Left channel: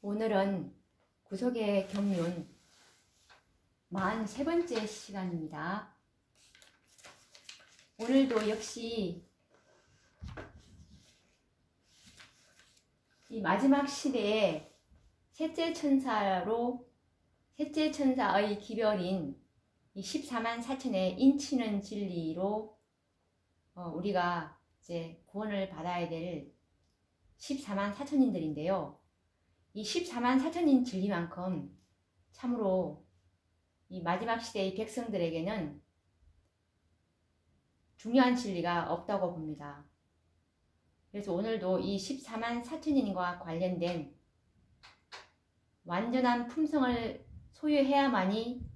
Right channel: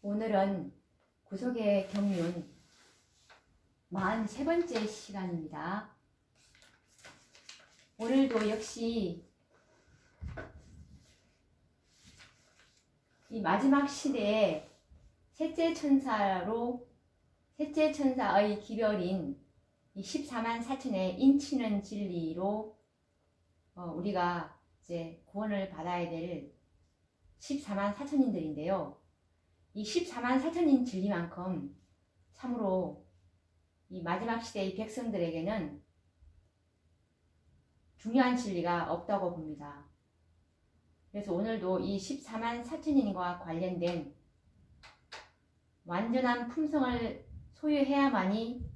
오늘은 구속의 경륜 43번째 시간입니다. 오늘도 역시 이 마지막 시대에 셋째 천사의 기별인 이 14만 4천의 인치는 진리로 우리가 이제 구원을 받아야 될 14만 4천인들인데요. 이 14만 4천인 진리만큼 참으로 이 마지막 시대의 백성들에게는 중요한 진리가 없다고 봅니다. 그래서 오늘도 이 14만 4천인과 관련된 완전한 품성을 소유해야만이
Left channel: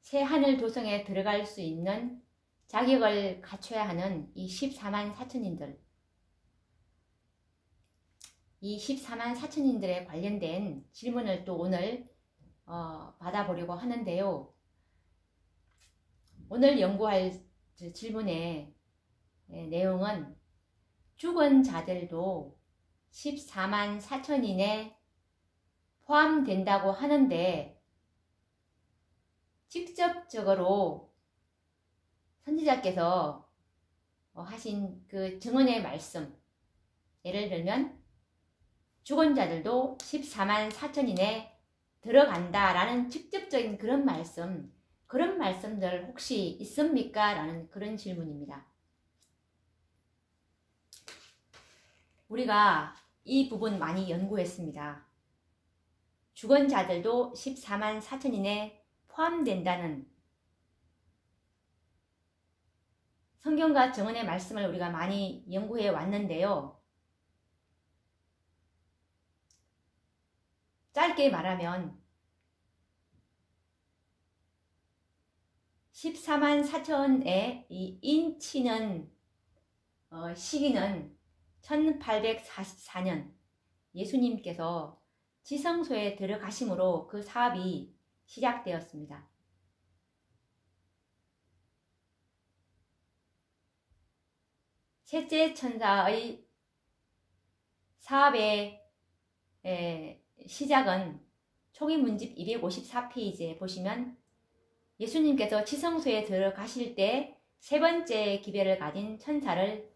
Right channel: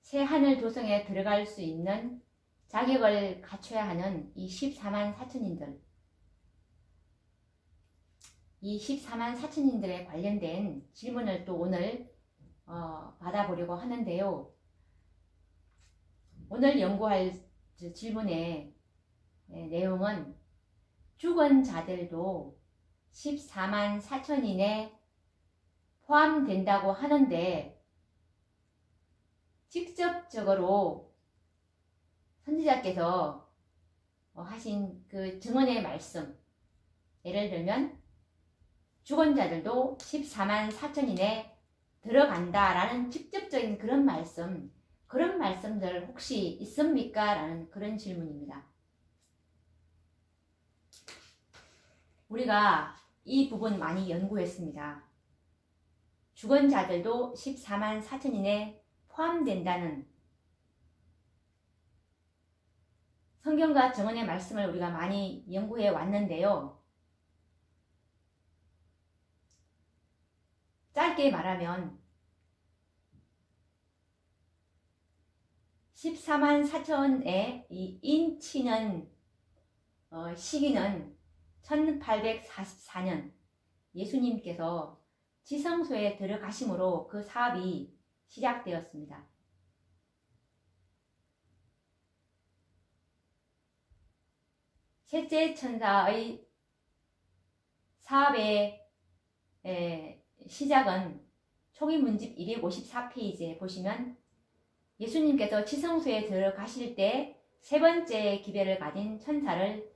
새 하늘 도성에 들어갈 수 있는 자격을 갖춰야 하는 이 14만 4천인들, 이 14만 4천인들에 관련된 질문을 또 오늘 받아보려고 하는데요. 오늘 연구할 질문의 내용은 죽은 자들도 14만 4천인에 포함된다고 하는데 직접적으로 선지자께서 하신 그 증언의 말씀, 예를 들면 죽은 자들도 14만 4천인에 들어간다라는 직접적인 그런 말씀들 혹시 있습니까? 라는 그런 질문입니다. 우리가 이 부분 많이 연구했습니다. 죽은 자들도 14만 4천인에 포함된다는 성경과 증언의 말씀을 우리가 많이 연구해 왔는데요. 짧게 말하면 14만 4천의 이 인치는 시기는 1844년 예수님께서 지성소에 들어가심으로 그 사업이 시작되었습니다. 셋째 천사의 사업의 시작은 초기 문집 254페이지에 보시면 예수님께서 지성소에 들어가실 때 세 번째 기별을 가진 천사를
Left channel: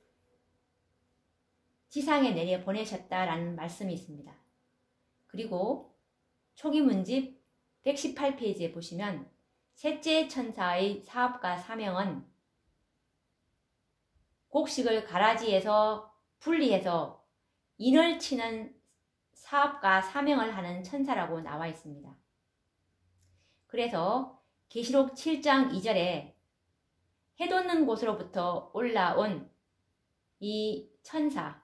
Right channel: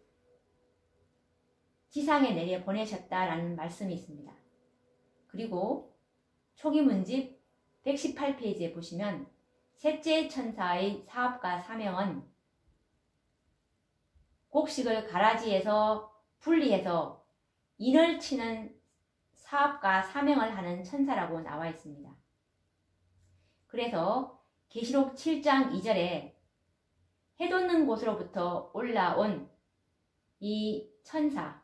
지상에 내려 보내셨다라는 말씀이 있습니다. 그리고 초기 문집 118페이지에 보시면 셋째 천사의 사업과 사명은 곡식을 가라지에서 분리해서 인을 치는 사업과 사명을 하는 천사라고 나와 있습니다. 그래서 계시록 7장 2절에 해 돋는 곳으로부터 올라온 이 천사는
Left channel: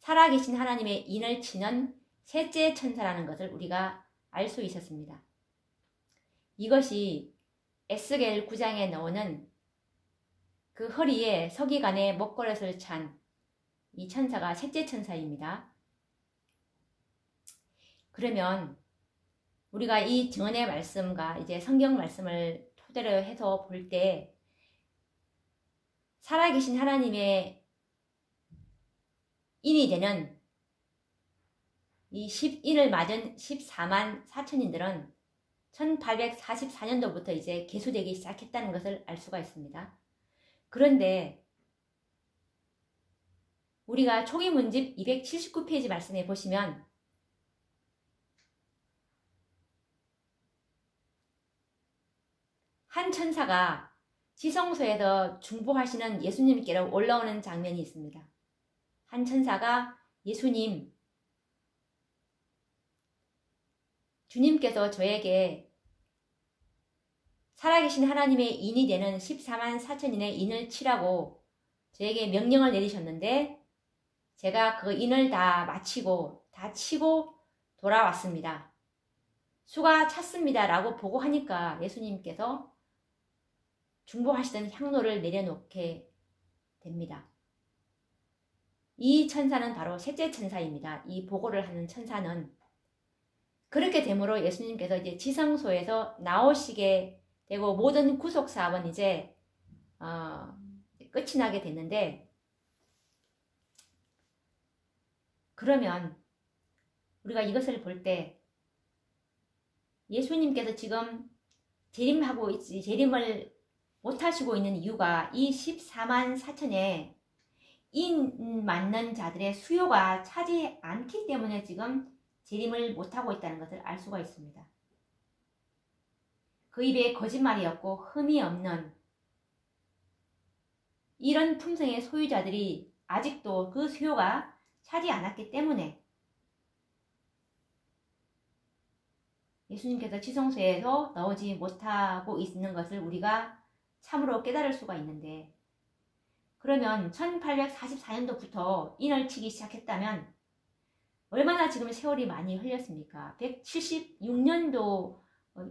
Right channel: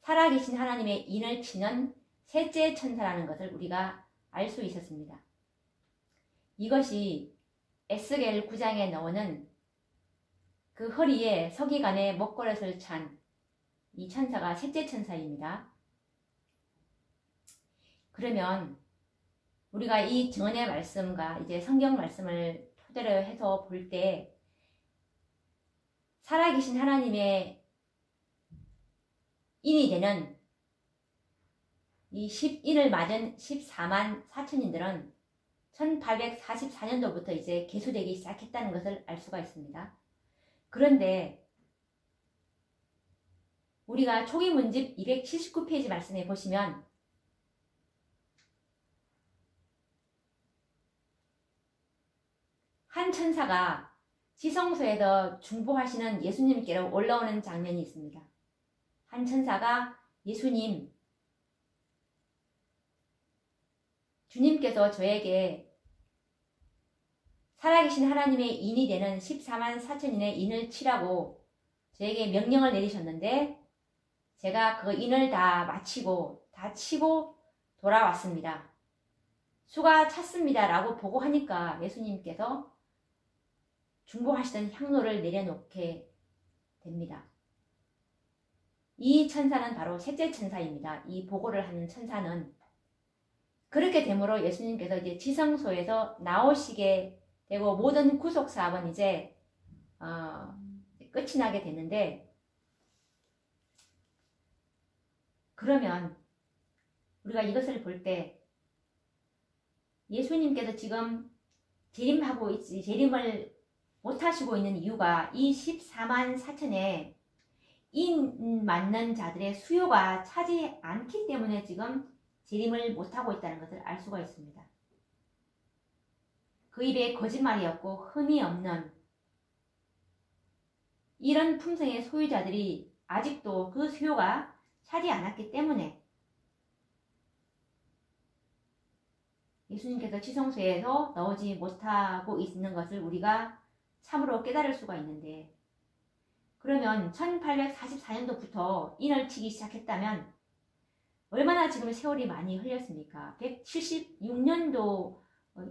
살아계신 하나님의 인을 치는 셋째 천사라는 것을 우리가 알 수 있었습니다. 이것이 에스겔 9장에 나오는 그 허리에 서기관의 목걸이를 찬 이 천사가 셋째 천사입니다. 그러면 우리가 이 증언의 말씀과 이제 성경 말씀을 토대로 해서 볼 때 살아계신 하나님의 인이 되는 이 10인을 맞은 14만 4천인들은 1844년도부터 이제 계수되기 시작했다는 것을 알 수가 있습니다. 그런데 우리가 초기 문집 279페이지 말씀에 보시면 한 천사가 지성소에서 중보하시는 예수님께로 올라오는 장면이 있습니다. 한 천사가 주님께서 저에게 살아계신 하나님의 인이 되는 14만 4천인의 인을 치라고 저에게 명령을 내리셨는데 제가 그 인을 다 치고 돌아왔습니다. 수가 찼습니다 라고 보고하니까 예수님께서 중보하시던 향로를 내려놓게 됩니다. 이 천사는 바로 셋째 천사입니다. 이 보고를 하는 천사는. 그렇게 되므로 예수님께서 이제 지성소에서 나오시게 되고 모든 구속 사업은 이제 끝이 나게 됐는데 그러면 우리가 이것을 볼 때 예수님께서 지금 재림을 못하시고 있는 이유가 이 14만 4천의 인 맞는 자들의 수요가 차지 않기 때문에 지금 재림을 못하고 있다는 것을 알 수가 있습니다. 그 입에 거짓말이 없고 흠이 없는 이런 품성의 소유자들이 아직도 그 수요가 차지 않았기 때문에 예수님께서 지성소에서 나오지 못하고 있는 것을 우리가 참으로 깨달을 수가 있는데, 그러면 1844년도부터 인을 치기 시작했다면 얼마나 지금 세월이 많이 흘렸습니까? 176년도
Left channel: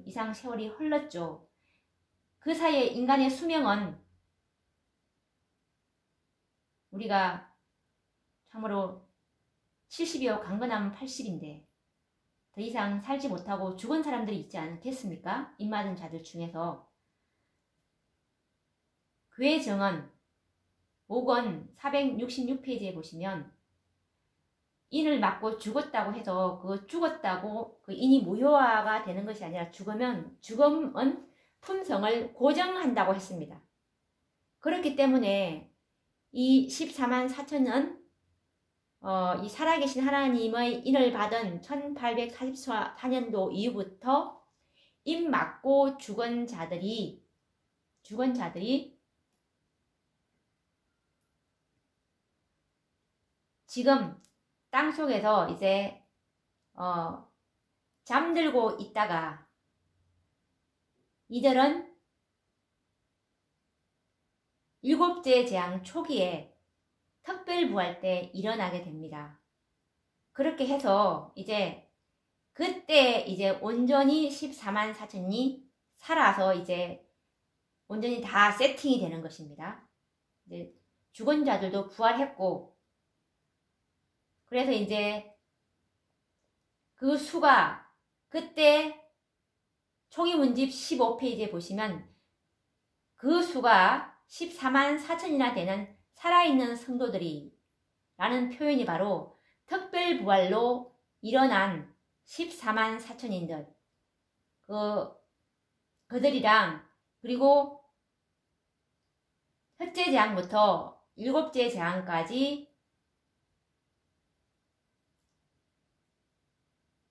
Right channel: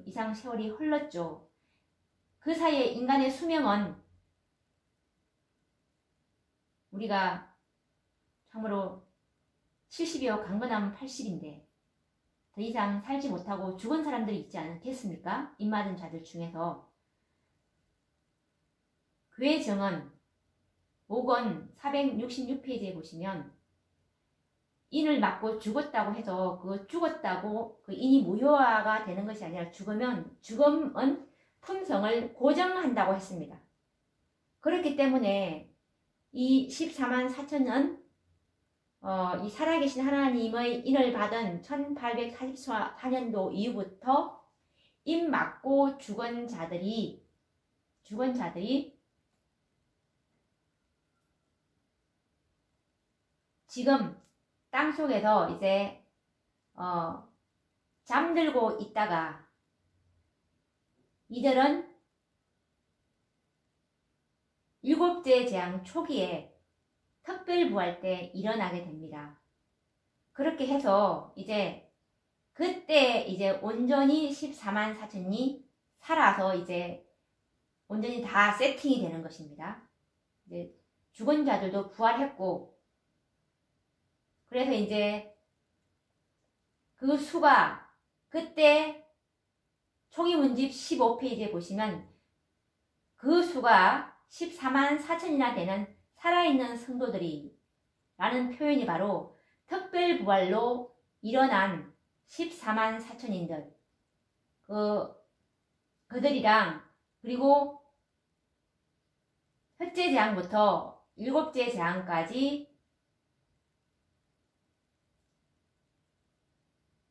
이상 세월이 흘렀죠. 그 사이에 인간의 수명은 우리가 참으로 70이요 강건하면 80인데 더 이상 살지 못하고 죽은 사람들이 있지 않겠습니까? 입맞은 자들 중에서. 교회 정언 5권 466페이지에 보시면 인을 맞고 죽었다고 해서 그 죽었다고 그 인이 무효화가 되는 것이 아니라 죽음은 품성을 고정한다고 했습니다. 그렇기 때문에 이 14만 4천은 이 살아계신 하나님의 인을 받은 1844년도 이후부터 인 맞고 죽은 자들이 지금 땅속에서 이제 잠들고 있다가 이들은 일곱째 재앙 초기에 특별부활 때 일어나게 됩니다. 그렇게 해서 이제 그때 이제 온전히 14만 4천이 살아서 이제 온전히 다 세팅이 되는 것입니다. 이제 죽은 자들도 부활했고, 그래서 이제 그 수가 그때 총이문집 15페이지에 보시면 그 수가 14만 4천이나 되는 살아있는 성도들이 라는 표현이 바로 특별부활로 일어난 14만 4천인들 그들이랑, 그리고 첫째 재앙부터 일곱째 재앙까지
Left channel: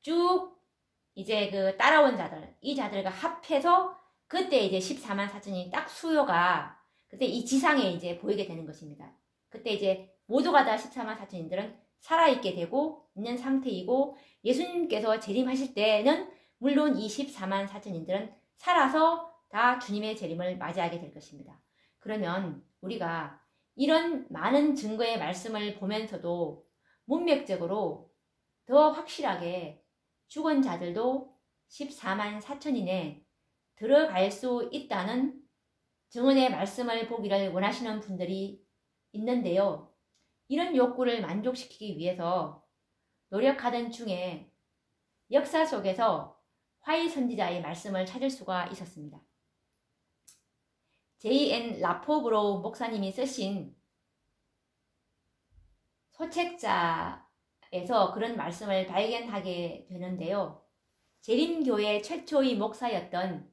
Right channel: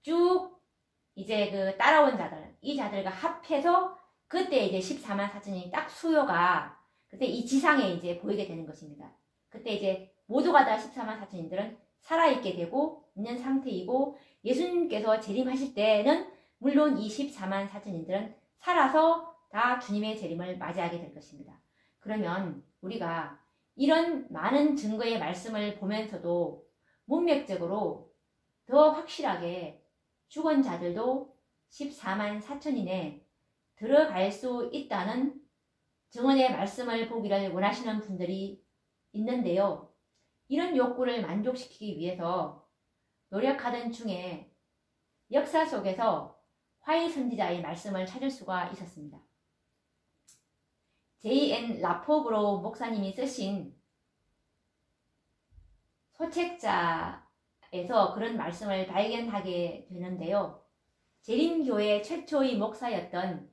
쭉 이제 그 따라온 자들, 이 자들과 합해서 그때 이제 14만 4천이 딱 수요가 그때 이 지상에 이제 보이게 되는 것입니다. 그때 이제 모두가 다 14만 4천인들은 살아있게 되고 있는 상태이고, 예수님께서 재림하실 때는 물론 이 14만 4천인들은 살아서 다 주님의 재림을 맞이하게 될 것입니다. 그러면 우리가 이런 많은 증거의 말씀을 보면서도 문맥적으로 더 확실하게 죽은 자들도 14만 4천인에 들어갈 수 있다는 증언의 말씀을 보기를 원하시는 분들이 있는데요. 이런 욕구를 만족시키기 위해서 노력하던 중에 역사 속에서 화이 선지자의 말씀을 찾을 수가 있었습니다. J.N. 라포브로 목사님이 쓰신 소책자에서 그런 말씀을 발견하게 되는데요. 재림교회 최초의 목사였던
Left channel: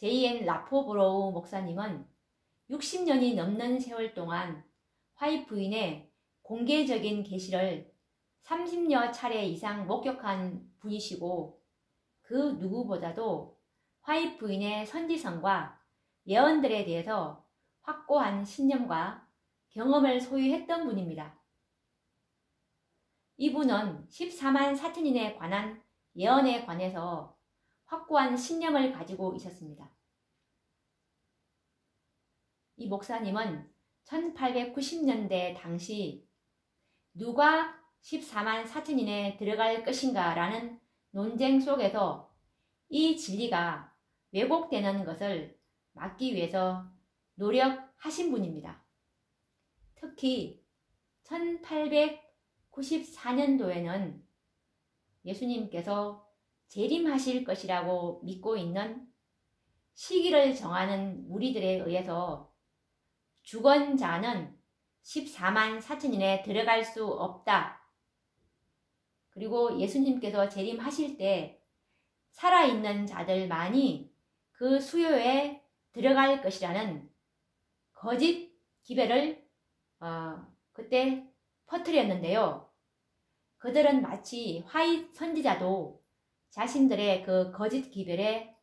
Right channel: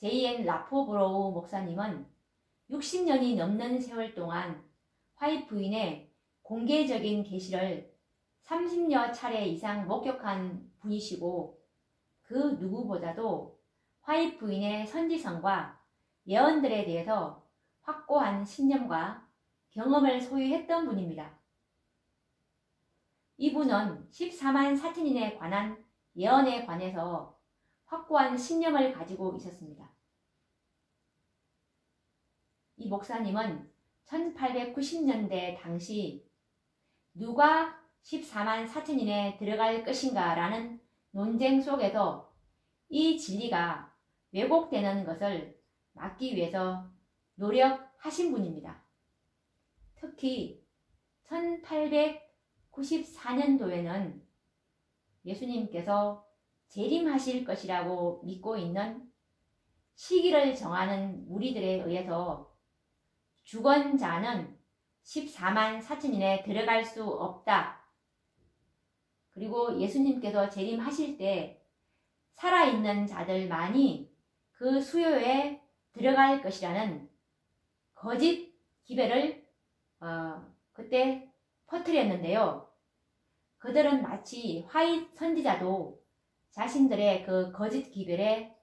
J.N. 라포브로우 목사님은 60년이 넘는 세월 동안 화이 부인의 공개적인 계시를 30여 차례 이상 목격한 분이시고, 그 누구보다도 화이 부인의 선지성과 예언들에 대해서 확고한 신념과 경험을 소유했던 분입니다. 이분은 14만 4천인에 관한 예언에 관해서 확고한 신념을 가지고 있었습니다. 이 목사님은 1890년대 당시 누가 14만 4천인에 들어갈 것인가 라는 논쟁 속에서 이 진리가 왜곡되는 것을 막기 위해서 노력하신 분입니다. 특히 1894년도에는 예수님께서 재림하실 것이라고 믿고 있는 시기를 정하는 무리들에 의해서 죽은 자는 14만 4천인에 들어갈 수 없다 그리고 예수님께서 재림하실 때 살아있는 자들만이 그 수요에 들어갈 것이라는 거짓 기배를 그때 퍼뜨렸는데요. 그들은 마치 화잇 선지자도 자신들의 그 거짓 기별에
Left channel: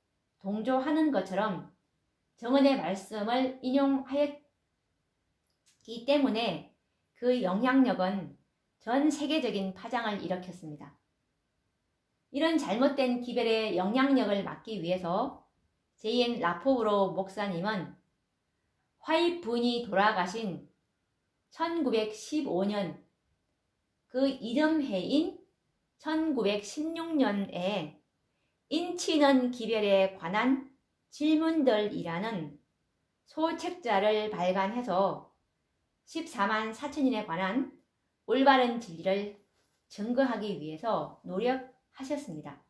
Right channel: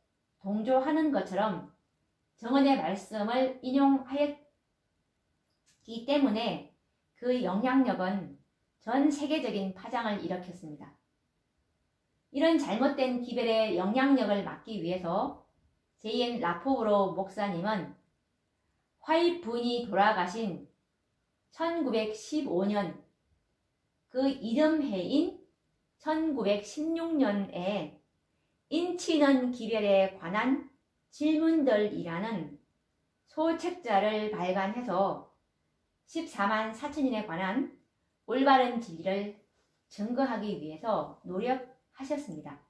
동조하는 것처럼 정언의 말씀을 인용하였기 때문에 그 영향력은 전 세계적인 파장을 일으켰습니다. 이런 잘못된 기별의 영향력을 막기 위해서 제인 라포브로 목사님은 화잇 부인이 돌아가신 1915년 그 이듬 해인 1916년에 인치는 기별에 관한 질문들이라는 소책자를 발간해서 14만 4천인에 관한 올바른 진리를 증거하기 위해서 노력하셨습니다.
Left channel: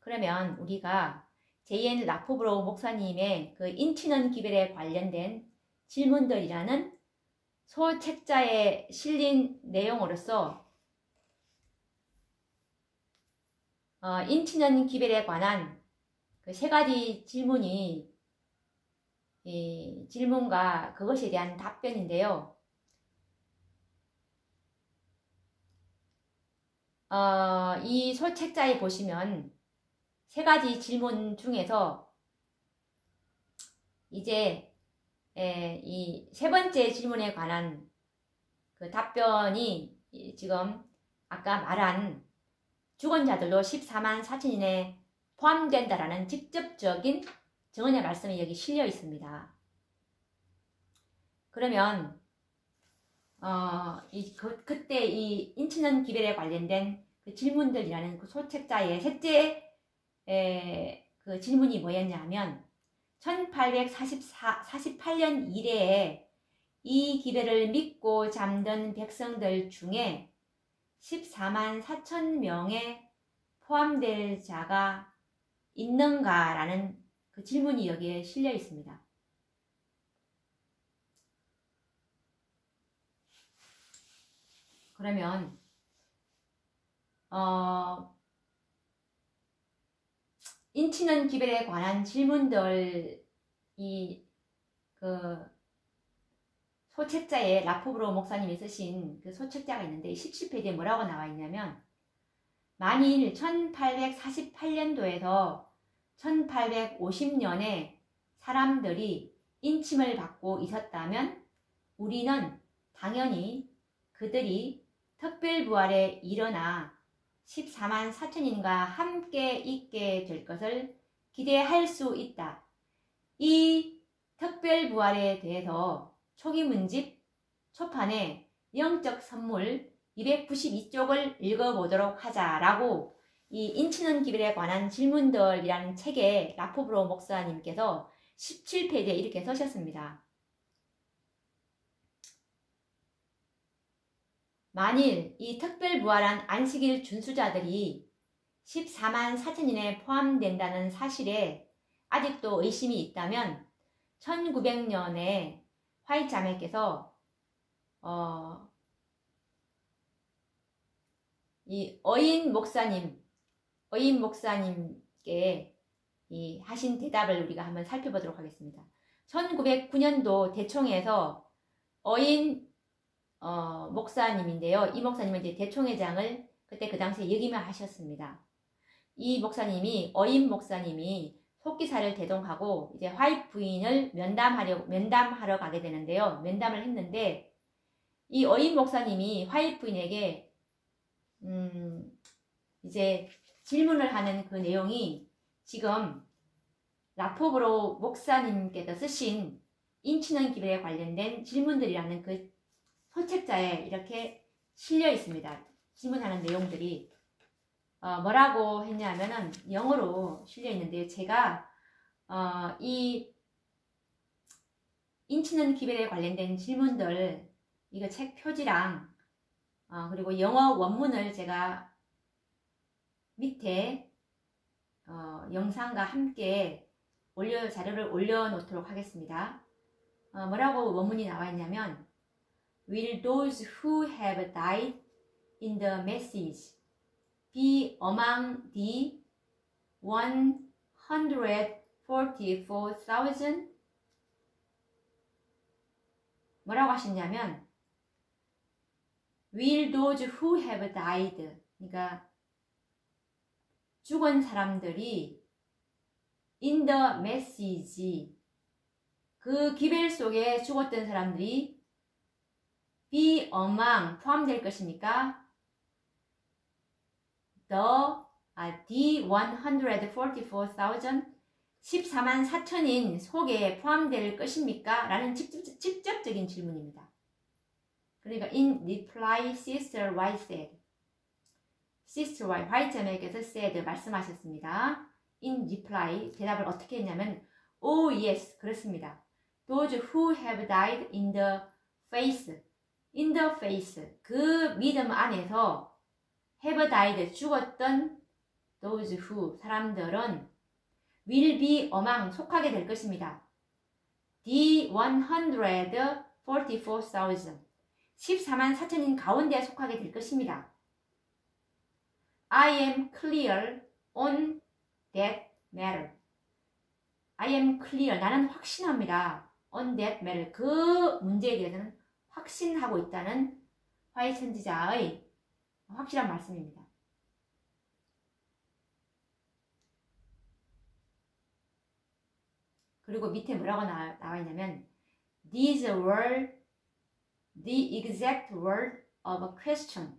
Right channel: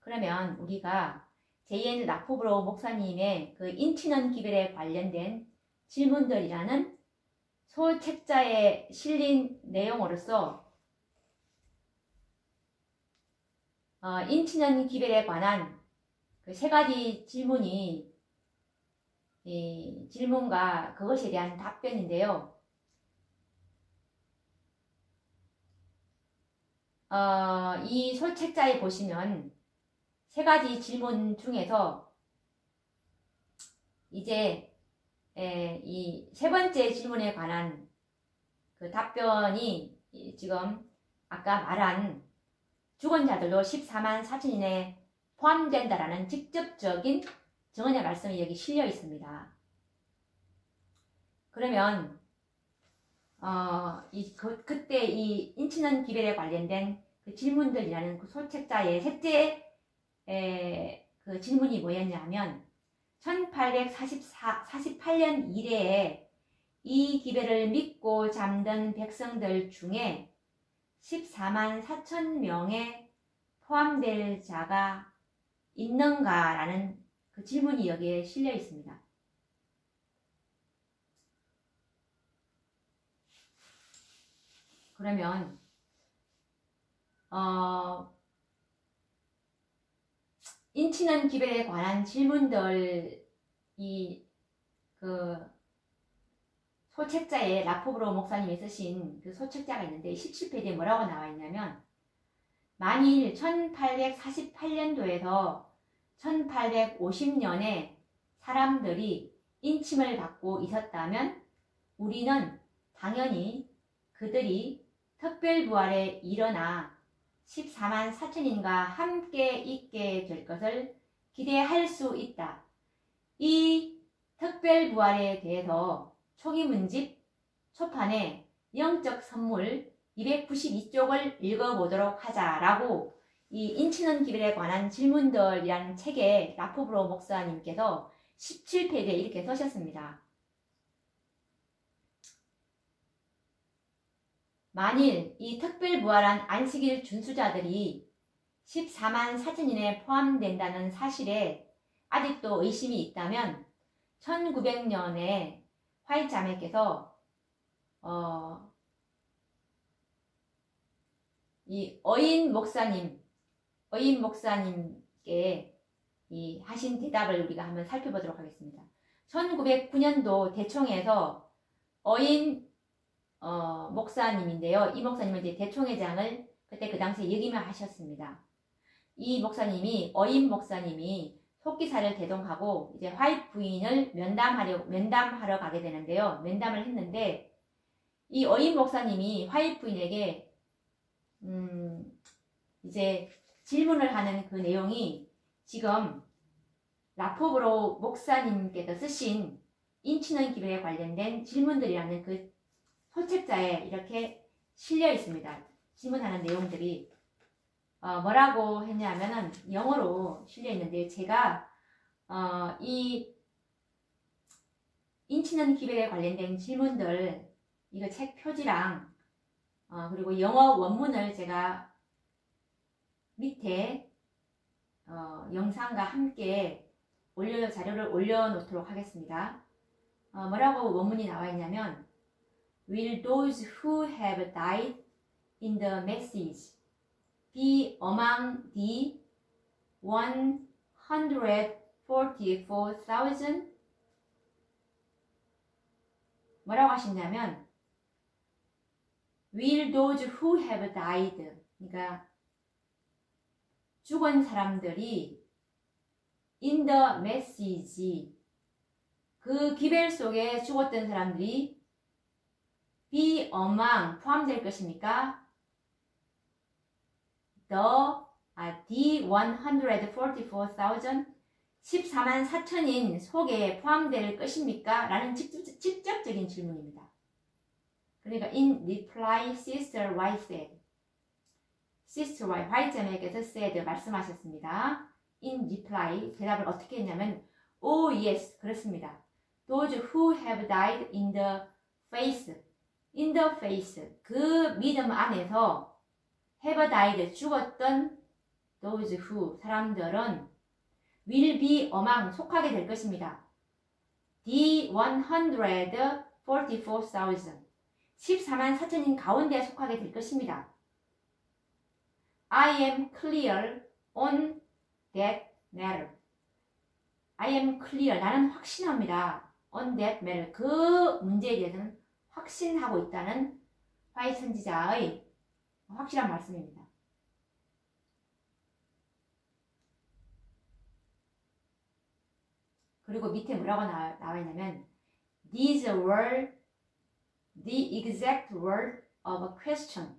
그러면 우리가 제이엔 라포브로 목사님의 그 인치는 기별에 관련된 질문들이라는 소책자에 실린 내용으로서 인치는 기별에 관한 그 세 가지 질문이 이 질문과 그것에 대한 답변인데요. 이 소책자에 보시면 세 가지 질문 중에서 이제 이 세 번째 질문에 관한 그 답변이 지금 아까 말한 죽은 자들도 14만 4천인에 포함된다라는 직접적인 정언의 말씀이 여기 실려 있습니다. 그러면 그때 이 인치는 기별에 관련된 그 질문들이라는 그 소책자의 셋째 그 질문이 뭐였냐면 1848년 이래에 이 기별을 믿고 잠든 백성들 중에 14만 4천 명에 포함될 자가 있는가라는 그 질문이 여기에 실려 있습니다. 그러면 인치는 기별에 관한 질문들이 그 소책자에 라포브로 목사님이 쓰신 그 소책자가 있는데 17페이지에 뭐라고 나와 있냐면 만일 1848년도에서 1850년에 사람들이 인침을 받고 있었다면 우리는 당연히 그들이 특별부활에 일어나 14만 4천인과 함께 있게 될 것을 기대할 수 있다. 이 특별부활에 대해서 초기문집 초판에 영적 선물 292쪽을 읽어보도록 하자라고 이 인치는 기별에 관한 질문들이라는 책에 라포브로 목사님께서 17페이지에 이렇게 써셨습니다. 만일 이 특별부활한 안식일 준수자들이 14만 4천인에 포함된다는 사실에 아직도 의심이 있다면 1900년에 화이트 자매께서 이 어인 목사님께 이 하신 대답을 우리가 한번 살펴보도록 하겠습니다. 1909년도 대총회에서 어인 목사님인데요. 이 목사님은 이제 대총회장을 그때 그 당시에 역임하셨습니다. 이 목사님이 어인 목사님이 속기사를 대동하고 이제 화이트 부인을 면담하러 가게 되는데요. 면담을 했는데 이 어인 목사님이 화이트 부인에게 이제 질문을 하는 그 내용이 지금 라포브로 목사님께서 쓰신 인치는 기별에 관련된 질문들이라는 그 소책자에 이렇게 실려 있습니다. 질문하는 내용들이 뭐라고 했냐면은 영어로 실려 있는데요. 제가 이 인치는 기별에 관련된 질문들 이거 책 표지랑 그리고 영어 원문을 제가 밑에 영상과 함께 자료를 올려놓도록 하겠습니다. 뭐라고 원문이 나와 있냐면 Will those who have died in the message be among the 144,000? 뭐라고 하시냐면 will those who have died, 그러니까 죽은 사람들이 in the message, 그 기벨 속에 죽었던 사람들이 be among, 포함될 것입니까? the 144,000, 14만 4천인 속에 포함될 것입니까? 라는 직접적인 질문입니다. 그러니까 in reply, Sister Y said. Sister Y, Y자매께서 said, 말씀하셨습니다. in reply, 대답을 어떻게 했냐면 oh yes, 그렇습니다. Those who have died in the faith, in the faith, 그 믿음 안에서 have died, 죽었던 those who, 사람들은 will be among, 속하게 될 것입니다. the 144,000, 14만 4천인 가운데 속하게 될 것입니다. I am clear on that matter. I am clear, 나는 확신합니다. on that matter, 그 문제에 대해서는 확신하고 있다는 화이 선지자의 확실한 말씀입니다. 그리고 밑에 뭐라고 나와 있냐면 these were the exact word of a question.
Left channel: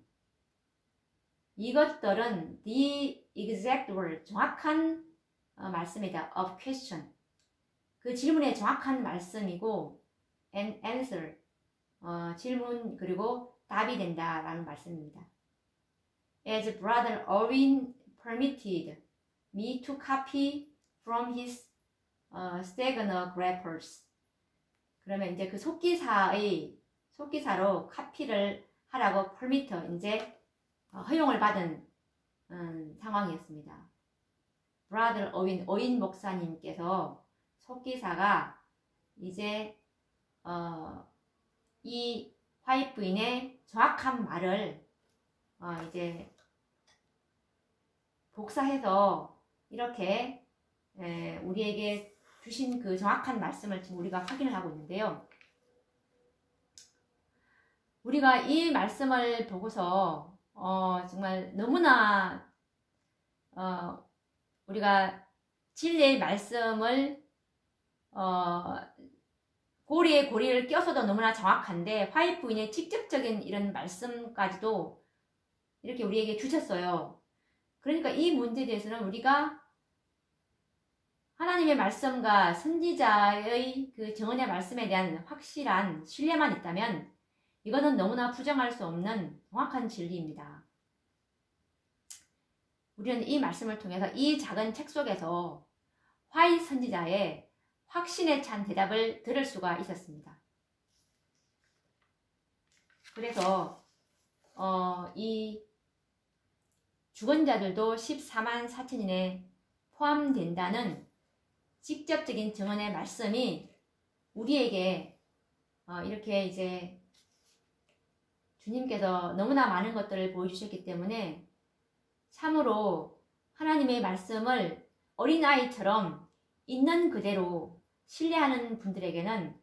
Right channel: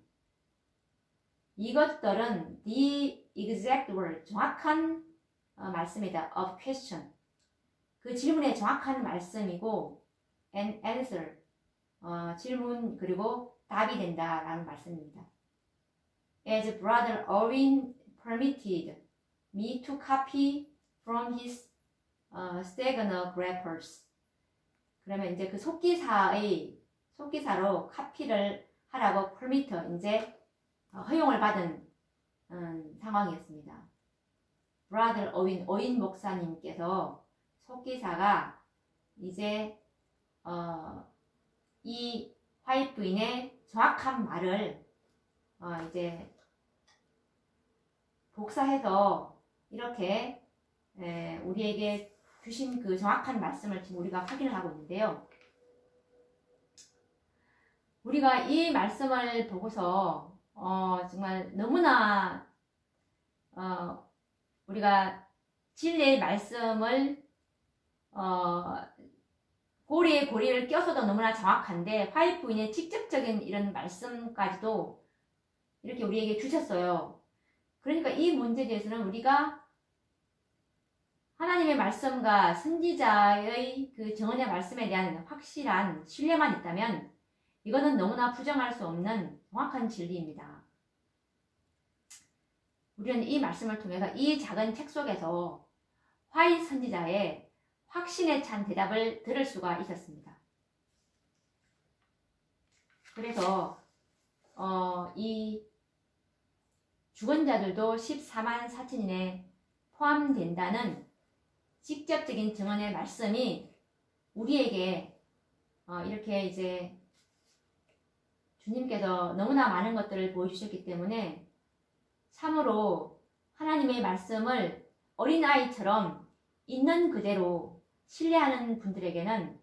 이것들은 the exact word, 정확한 말씀이다. of question, 그 질문의 정확한 말씀이고 and answer, 질문 그리고 답이 된다라는 말씀입니다. As Brother Owen permitted me to copy from his stenographers. 그러면 이제 그 속기사로 카피를 하라고 permit, 이제 허용을 받은 상황이었습니다. Brother 오인 목사님께서 속기사가 이제 이 화이트 부인의 정확한 말을 이제 복사해서 이렇게 우리에게 주신 그 정확한 말씀을 지금 우리가 확인을 하고 있는데요. 우리가 이 말씀을 보고서 정말 너무나 우리가 진리의 말씀을 고리에 고리를 껴서도 너무나 정확한데 화이트 부인의 직접적인 이런 말씀까지도 이렇게 우리에게 주셨어요. 그러니까 이 문제에 대해서는 우리가 하나님의 말씀과 선지자의 그 정언의 말씀에 대한 확실한 신뢰만 있다면 이거는 너무나 부정할 수 없는 정확한 진리입니다. 우리는 이 말씀을 통해서 이 작은 책 속에서 화이트 선지자의 확신에 찬 대답을 들을 수가 있었습니다. 그래서 이 죽은 자들도 14만 4천인에 포함된다는 직접적인 증언의 말씀이 우리에게 이렇게 이제 주님께서 너무나 많은 것들을 보여주셨기 때문에 참으로 하나님의 말씀을 어린아이처럼 있는 그대로 신뢰하는 분들에게는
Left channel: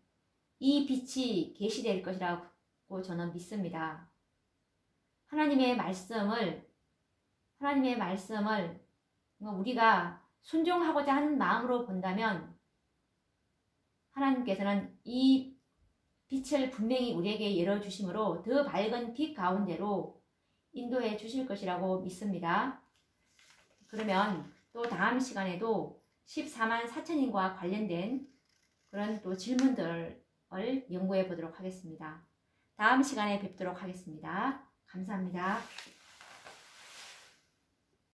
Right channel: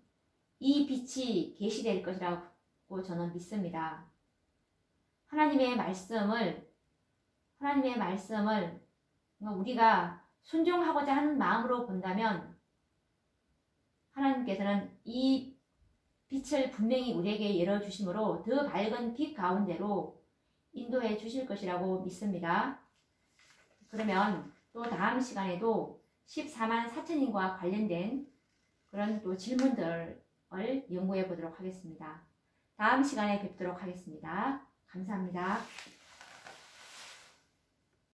이 빛이 계시될 것이라고 저는 믿습니다. 하나님의 말씀을 우리가 순종하고자 하는 마음으로 본다면 하나님께서는 이 빛을 분명히 우리에게 열어주심으로 더 밝은 빛 가운데로 인도해 주실 것이라고 믿습니다. 그러면 또 다음 시간에도 14만 4천인과 관련된 그런 또 질문들을 연구해 보도록 하겠습니다. 다음 시간에 뵙도록 하겠습니다. 감사합니다.